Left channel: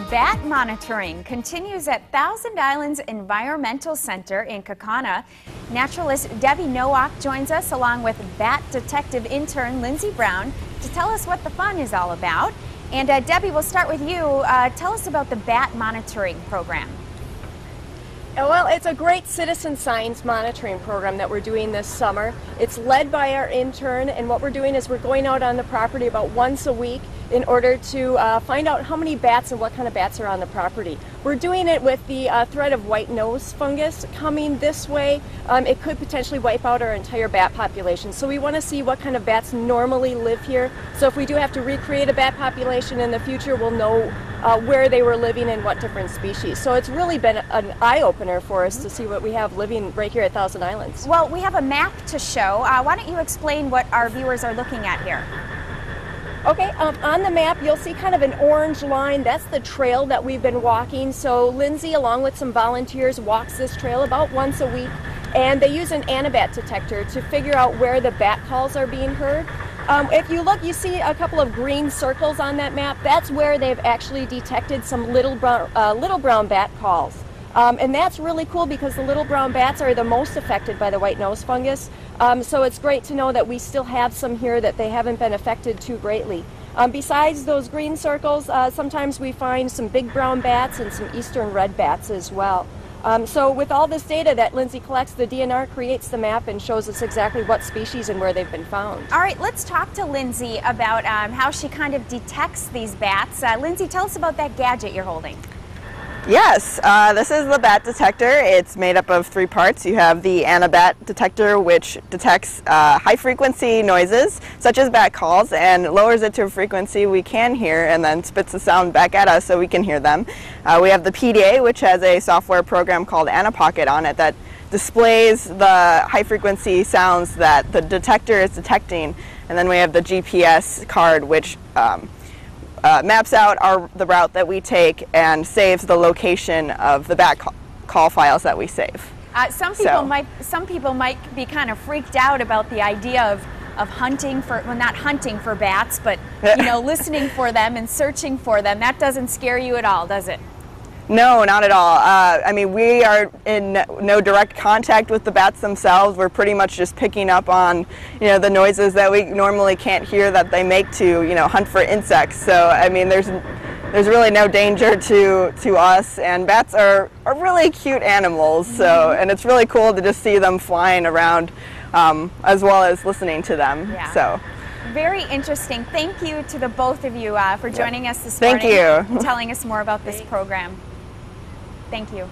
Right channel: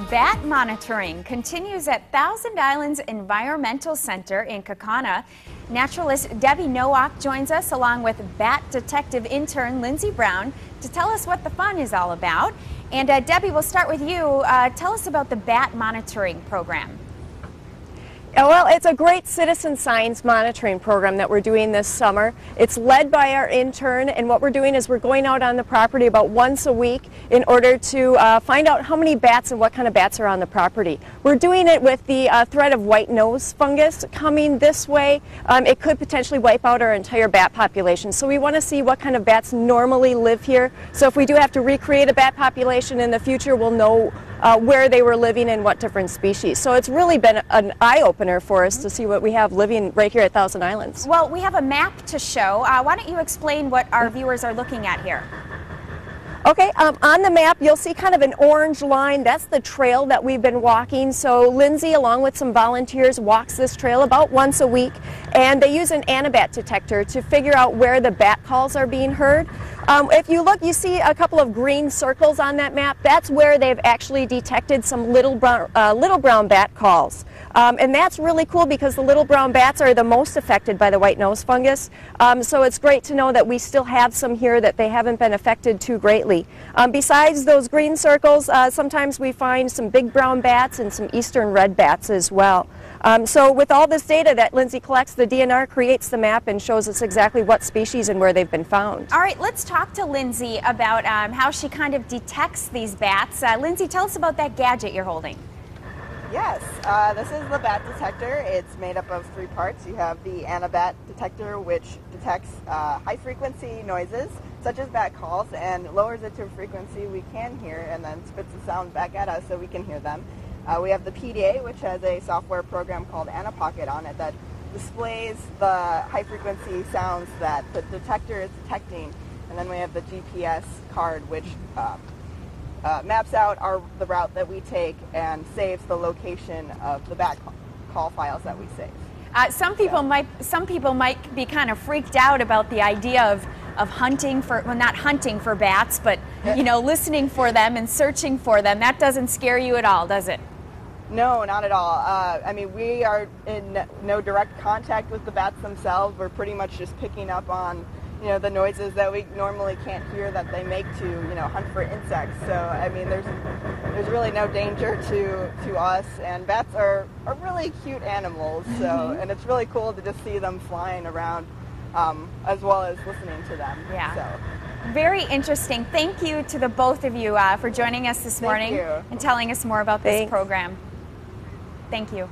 Bat monitoring continues at Thousand Islands Environmental Center in Kaukauna. Naturalist Debbie Nowak joins us along with bat detective intern Lindsay Brown to tell us what the fun is all about. And Debbie, we'll start with you. Tell us about the bat monitoring program. Well, it's a great citizen science monitoring program that we're doing this summer. It's led by our intern, and what we're doing is we're going out on the property about once a week in order to find out how many bats and what kind of bats are on the property. We're doing it with the threat of white nose fungus coming this way. It could potentially wipe out our entire bat population. So we want to see what kind of bats normally live here. So if we do have to recreate a bat population in the future, we'll know where they were living and what different species. So it's really been an eye-opener for us to see what we have living right here at Thousand Islands. Well, we have a map to show. Why don't you explain what our viewers are looking at here? Okay, on the map you'll see kind of an orange line. That's the trail that we've been walking. So Lindsay, along with some volunteers, walks this trail about once a week, and they use an anabat detector to figure out where the bat calls are being heard. If you look, you see a couple of green circles on that map. That's where they've actually detected some little brown bat calls. And that's really cool because the little brown bats are the most affected by the white nose fungus. So it's great to know that we still have some here, that they haven't been affected too greatly. Besides those green circles, sometimes we find some big brown bats and some eastern red bats as well. So with all this data that Lindsay collects, the DNR creates the map and shows us exactly what species and where they've been found. All right, let's talk to Lindsay about how she kind of detects these bats. Lindsay, tell us about that gadget you're holding. Yes, this is the bat detector. It's made up of three parts. You have the anabat detector, which detects high-frequency noises, such as bat calls, and lowers it to a frequency we can hear, and then spits the sound back at us so we can hear them. We have the PDA, which has a software program called Anapocket on it that displays the high-frequency sounds that the detector is detecting. And then we have the GPS card, which maps out the route that we take and saves the location of the bat call files that we save. Some people might be kind of freaked out about the idea of hunting for, well, not hunting for bats, but listening for them and searching for them. That doesn't scare you at all, does it? No, not at all. I mean, we are in no direct contact with the bats themselves. We're pretty much just picking up on, the noises that we normally can't hear that they make to, hunt for insects. So, I mean, there's really no danger to us. And bats are really cute animals. So, and it's really cool to just see them flying around, as well as listening to them. Yeah. So. Very interesting. Thank you to the both of you for joining us this morning Thank you. and telling us more about this program. Thank you.